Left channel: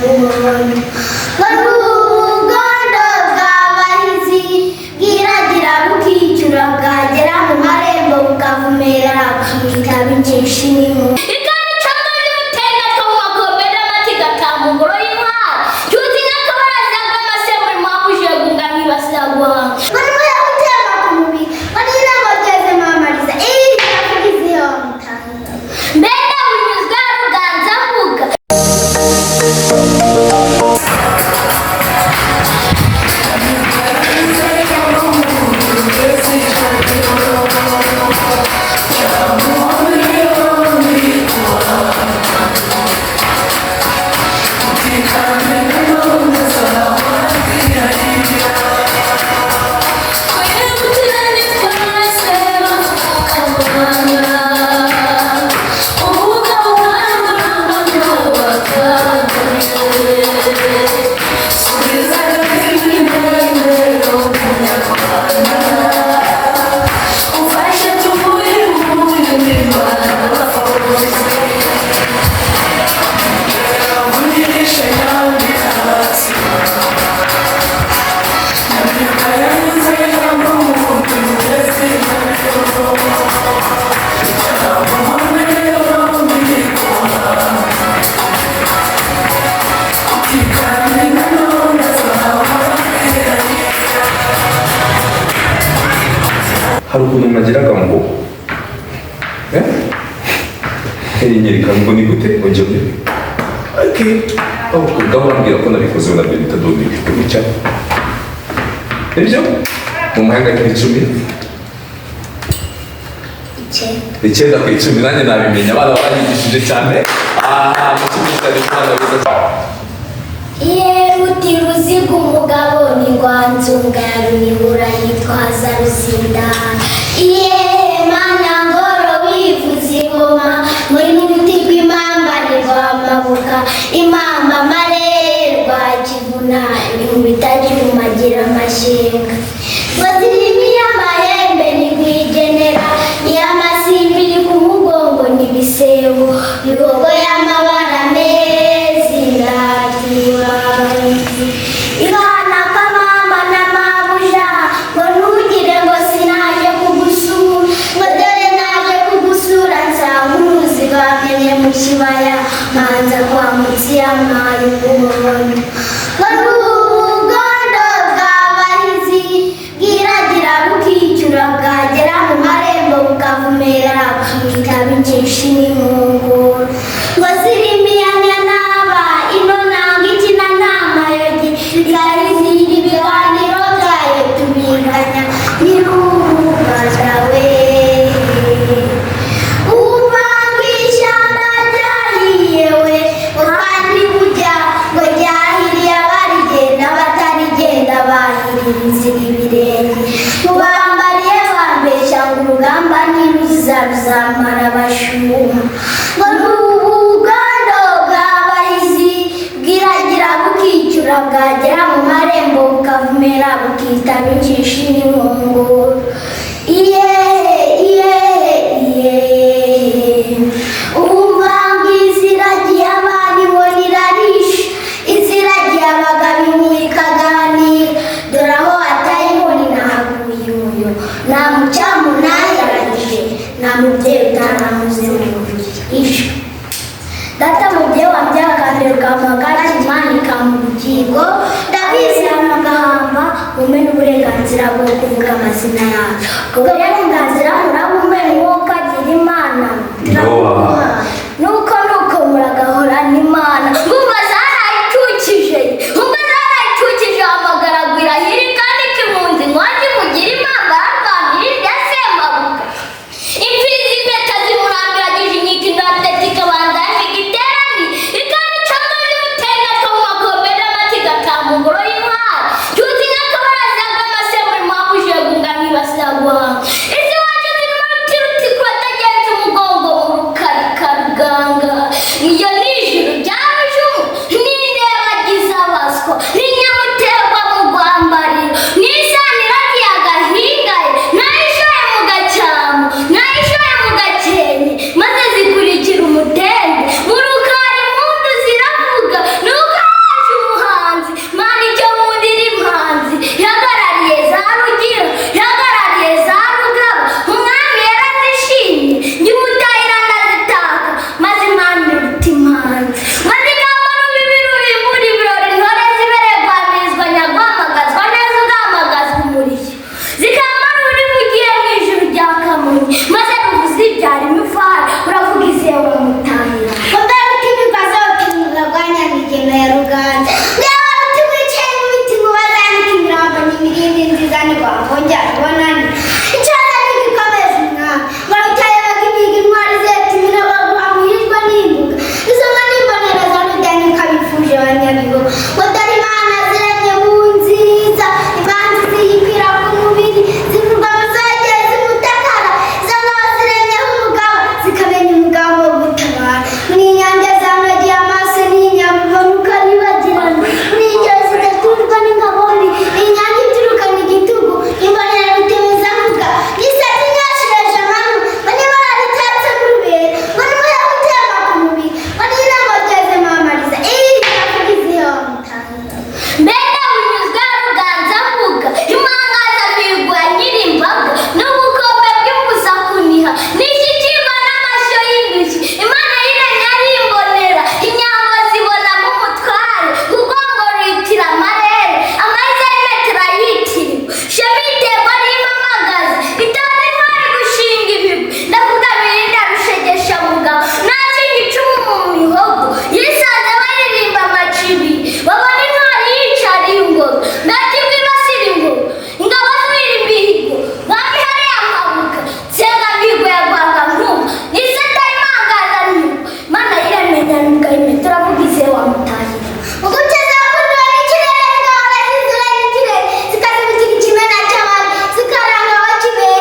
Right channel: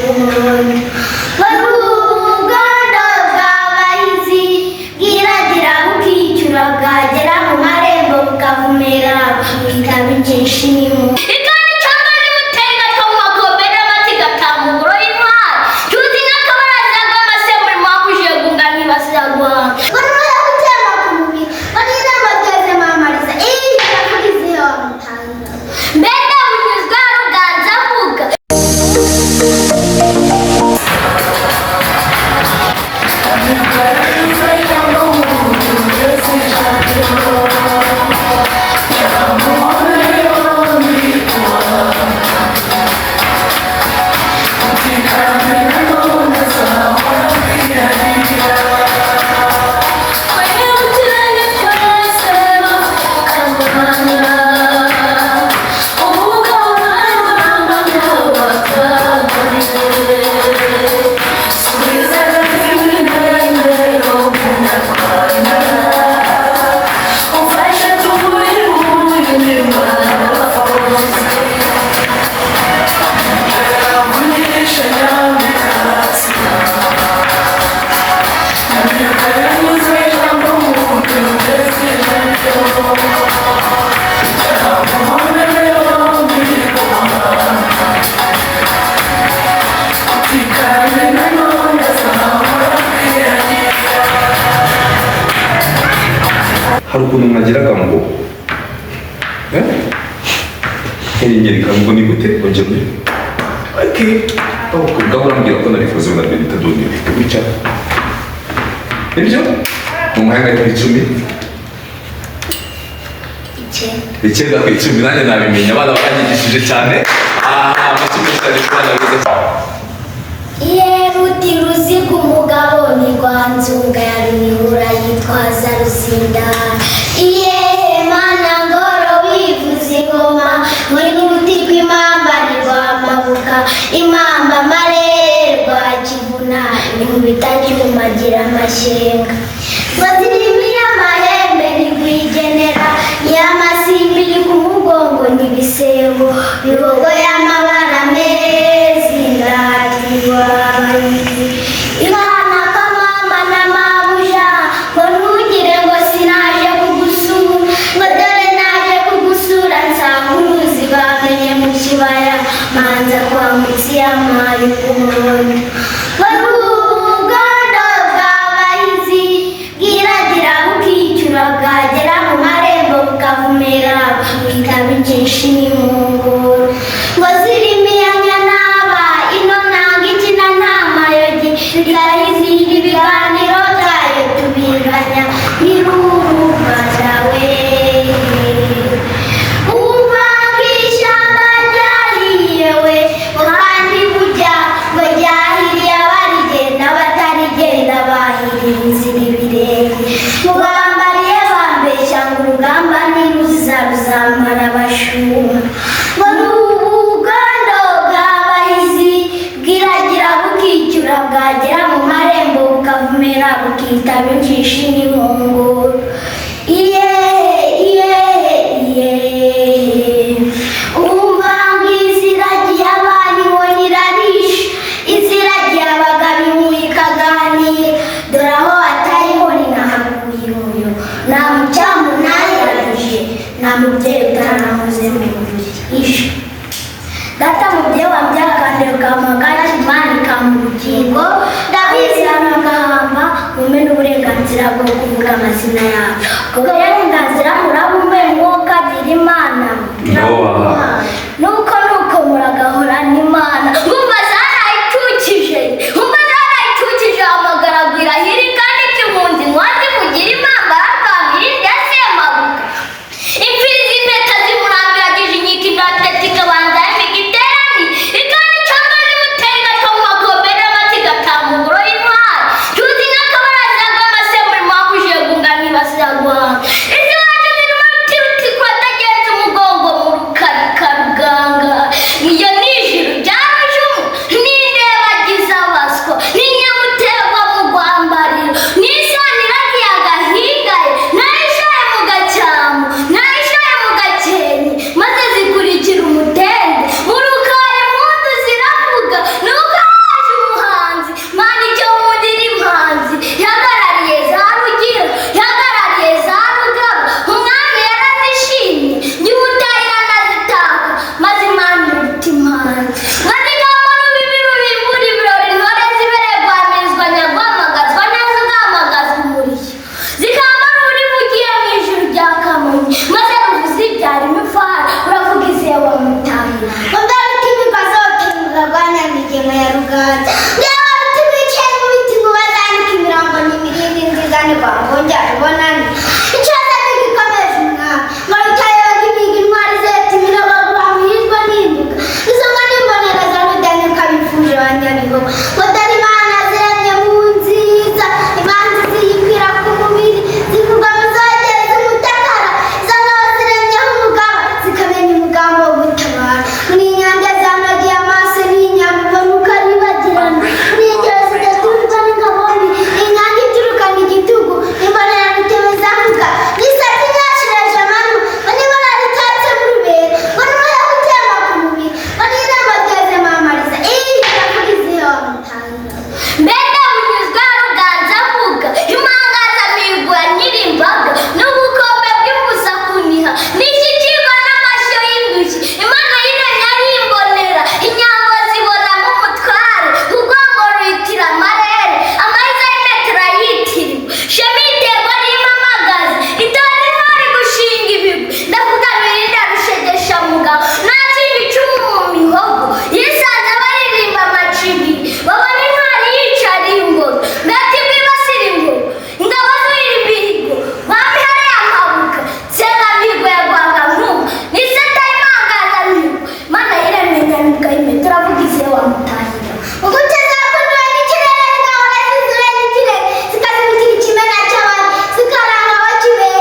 kubona Baruganda bw'abahizi bwiragira bukicura bwagera mu marembo bukavumera bukitaba inshishimo ikandi cyangwa y'ubutenga two mu magombe n'amatiga tamugoro y'intwari tuzi n'akabaraza bw'amase muri mwakuje gungani basiragwa bano yakutema ku mubiri banira bageze mamariza nakurizeho mutanga mbega bunyuzwa ruganza mvuga Harukuntu mwagiraga ngo nyereka ngo ni gute ongera ati ndabona mbwira ko narikoze na Benita Dodi bica ibyo mu mahanga y'icumi icyenda ku icumi nanjye nabimenya abana baranyigishije cyane mu cyumba cyane cyane Yeruti ruziga umugabo ni Rwanzunga ya Ruyihura yitwaza Ruzinda Mana ngoro wivuza ingoma muri n'uruti rw'imamba ni Rwamabuka imamba marere rwa Kivuna inkubita ryumagira amashyenga bazirimi y'amahembe ni Rwigenera y'amasimbi iri ku mugongo ni Bisebo bigogo y'amabara meza indatiwa Ihana kamama na mabuja ngo ntugire ngo sinaje kugusura ngo dore naje kugusura nsanga uruzi bamenye mu kibaya manza kwa mutsi y'amayi kubona Baruganda bw'abahizi bwiragira bukicura bwagera mu marembo bukavumera bukitaba inshishimo ngo zirimiya naba ino nanga ikina n'amayogi bikayizira ibiganiro byayo tubinganya n'irubaza we uvanga ishyamba ryahiye we kandi burya ngo ryahiriye abarigenda batarigenda bahiriye inzira ibirenge mubambariye bambeshya ngo urugamba niruza ruzamara abashuma bwagera mu marembo bukavumera bukitaba inshishimo umvanga iziragiye abana ibona irarisha iziragiye abagabo inkuru ikaganira dore aho atayibona nahaguye umuyo nta mucyamu nayarangije nta mubyeyi utanamuze mu buriri ishwe data mubyeyi wambyaye akantu kamuhagara Imana ikamubugingo ndabizi amagahamba mume n'uburenganzira bwo kuvuga amazina yacu ubwo burenganzira murabumbe nk'uko agira Imana nuko muragahora n'Imana ngumva zarayicukije amagara agwira hiri kandi kimunzi mwazi mugira impamba yarwamira irya semabuka imfizi impeta zimurambiragije inyika indatete ikabanza y'imigiterani ikandi cyangwa y'ubutenga two mu magombe n'amatiga tamugoro y'intwari tuzi n'akabaraza bw'amase muri mwakuje gungani basiragwa isi wacu zirimo inka ya Ruganza byaba bitwicaye mu biti ngo bazandike imirambo n'imirindi nziza ni kwa ngongera ubonane icyata n'igikomeza umwami ngo bicaye bakibiga intwari zetumira baguhamirizwa n'imbuga izo nka n'imbonera za Rudahigwa bifuje abanyabihogo ngo dore imana ziranye mu nziza imanzi ziyibwira ku mubiri zivuga ngo zageze umutakara izo ngabo ziremyeho umugabo zikamenya umugambi wo gutabara n'inyanja zamagiye amaso n'inyambo mukaribagirana n'ingero zidaturwa n'ingabo mbi inyanja iturukana igitugu imbonera bitebeza mvuga n'isati nyashireje amanywa ngo n'ibara ritatse mu rubere ngo n'umuyaga utemba ku mubiri ngo n'irembo ryeze mamariza iravuga izihe wamutangira mbega bunyuzwe Ruganza mvuga imangaza mihigo ya Nyirimbaga n'ubukombe bw'imbuza kuniha n'ishyikirwa n'amashyo y'indushyi imana yiremye ari imbonera inyambo zibonamo umutware urwango ruyitira amarere amariza y'imetero yitiriwe shema iterwa n'impamagazi itora intwari gushinga ibigwi ndavuga birinda rushegesha mugabo nakindi icumu mu mihogo yisanze baririmba amacibi babona intwari yicariye ingoro nakibwi basira ingoro ingabo z'uwira imihigo mwami hariya mpabuka senga mihigo ya Rwangankuba n'iseta imangaza mihigo mana yiremye nyanuga imetero avuga izihe wamutahira uguteza kunywa n'ikirere zigahora zizura n'ikirere zikazibukira ikimena cy'abandi zikaranga abakibera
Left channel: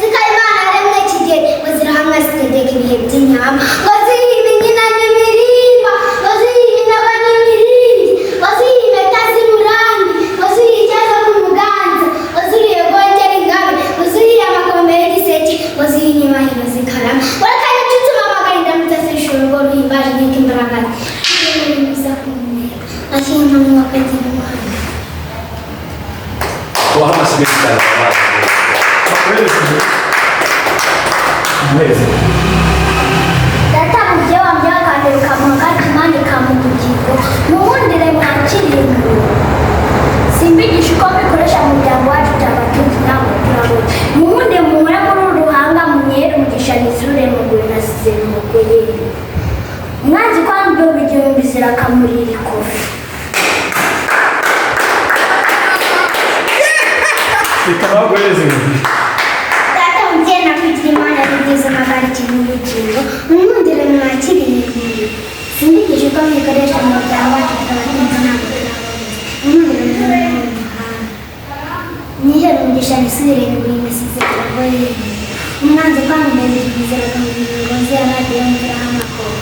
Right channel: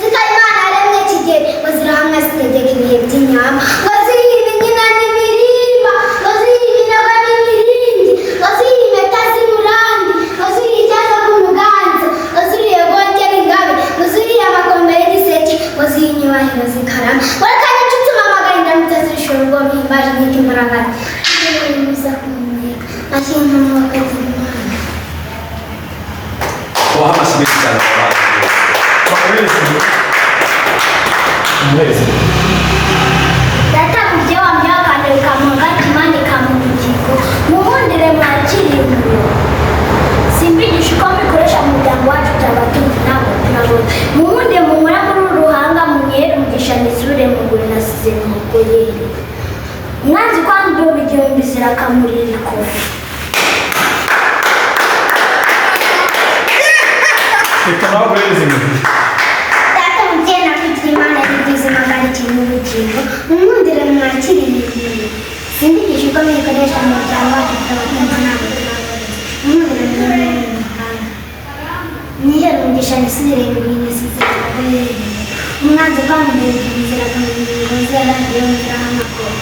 zikaba imana yaremye kigeri ngo zirahamwe zitegeka ibihe by'inyama ngo ziribe inkina n'imirimba ngo ziribe inaba n'imirindi ngo ziribe impeta z'umurambi ngo ziribe icyeza ku muganza ngo ziribe rwongera ingabe ngo ziribe amakombe y'igiseke ngo ziribe inyubahiro zikarama ngo reka n'inshuti mpamagara indamutsa zishora urwo ruhimbaje nk'iko imbaraga biza kumumera ashinga umwuka z'imana tubaha amashyi menshi cyane data mubye wambye wakandira ukamuha imana ikamubugingo muwundire mwakiriye umuriro simbigisha uko mbikoresha mu muryango wacu turabatunzi ntabwo turabona muwunde muhura muri uru ruhanga munyere umugisha nizure mugure nasize mugoyere umwanzi kwandura igihumbi zirakamurira ikofi data mubye nakwigira imana yabigize magana cyenda ubugingo muwundire mwakiriye umuriro simbigisha uko mbikoresha mu muryango wacu turabatunzi ntabwo turabona muwundire muhura mu muhanda nihere umugisha nisire mugure nasize mugoyere umwanzi kwandura igihumbi zirakamurira ikofi yaradiyo mviraho amakoro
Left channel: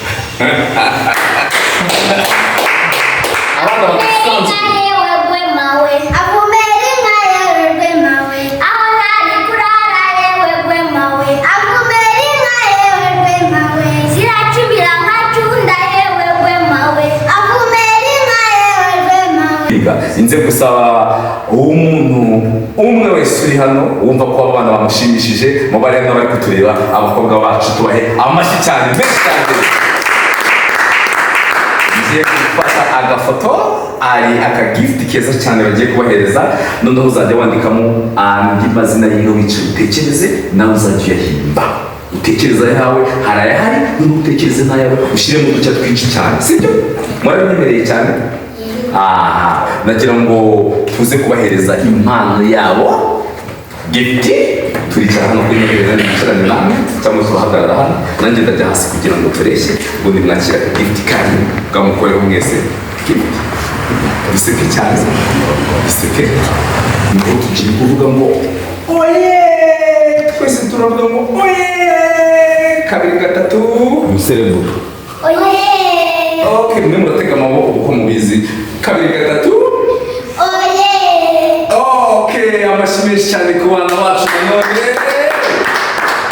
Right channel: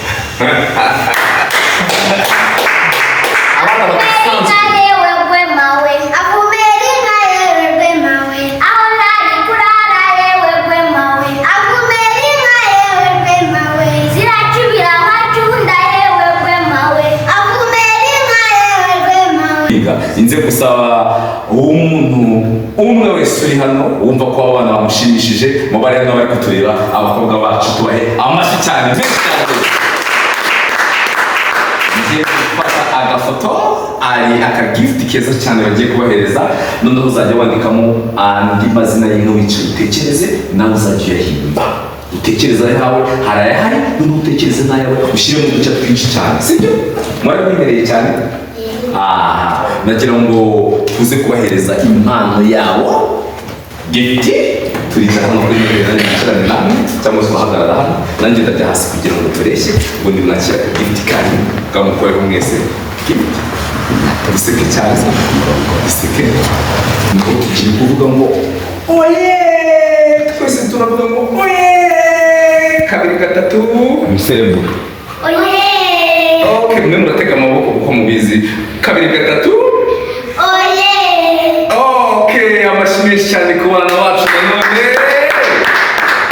abana badasanzwe yewe gwemawe avumera inka yewe gwemawe aho ntari kurara yewe gwemawe avumera inka yewe gwemawe ziracubira nkacunda yewe gwemawe avumera inka yewe gwemawe inze gusaba umuntu umwe wese uri hano wumva ko aba bana bamushimishije mu bari hano bari kutureba abakobwa bacu tubahe amashyi cyane menshi cyane ngiye gufata agafoto ari akagifuti keza cyane bagiye kubahereza noneho uzajya wandikamo andi mazina y'inka wicaye utekereze nawe uzajya uyahimba utekereza ayawe hari ayahari noneho utekereze n'ayawe ushyiremo uduce twinshi cyane sibyo mwarabinyemereye cyane aha nagira ngo tuze kubahereza impano yabo gifti turicara hano kuri intebe nanjye nicarane namwe cyangwa se uhagarara hano nanjye ndajya hasi kugira ngo tureshye ubundi mwakira gifti kanyu bwamukoreho mwese gifti biseke cyane biseke naho tukiri kuvuga ngo oye twese turavuga ngo oye kabiri gatatu umusereburo oye okay mwe muratega amaboko kuko mubizi kabiri gatatu oye okay amashyi menshi cyane ku bana bacu nanone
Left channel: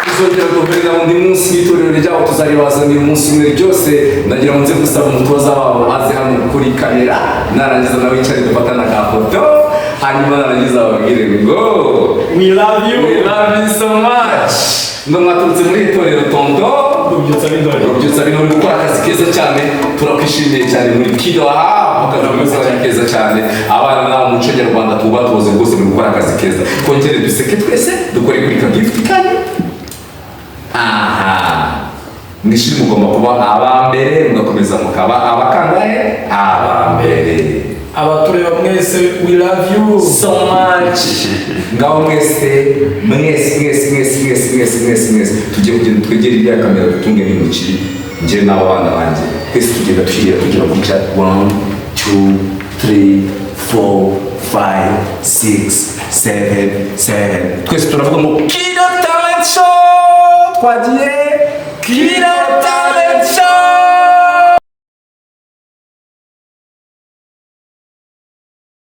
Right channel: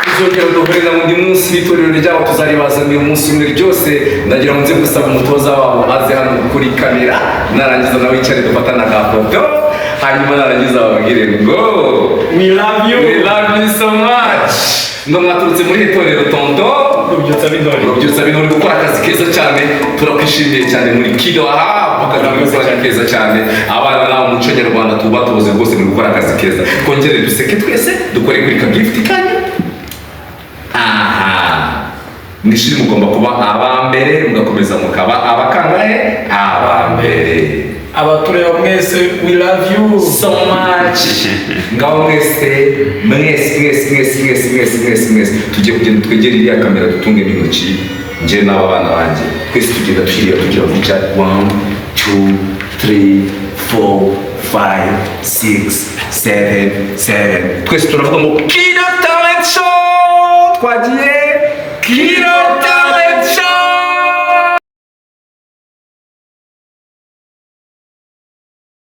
tuzongera duhurira mu munsi w'itorero ryabo tuzaribazanira umunsi umwe ryose ndagira ngo nze gusaba umutoza wabo aze hano kuri kamera narangiza nawe yicare dufatana agafoto hanyuma narangiza bababwire ngo We love you so much ngo mwaturutse muri itorero tonto Rubyutsa b'intore uri gukora akazi keza cyane turakwishimiye cyane muri kido aha akazi keza cyane abana nawe umuco nyarwanda tuba tuzi rwose muri gukora akazi keza twongere duseke twese dukore kuri ka gift kanyu aha mwishuri mugomba kuba aba mbere mugakomeza mukaba abakangahe aba abatureba mwese we love you so much. Ngaho mwese tugiye kugenda twegera iriya kamera dutunge n'intoki njye n'aba bana banjye twese tugenda tugira gutya 1 2 3 4 5 6 7 twese turavuga ngo Kido Talent Show twagiye Kido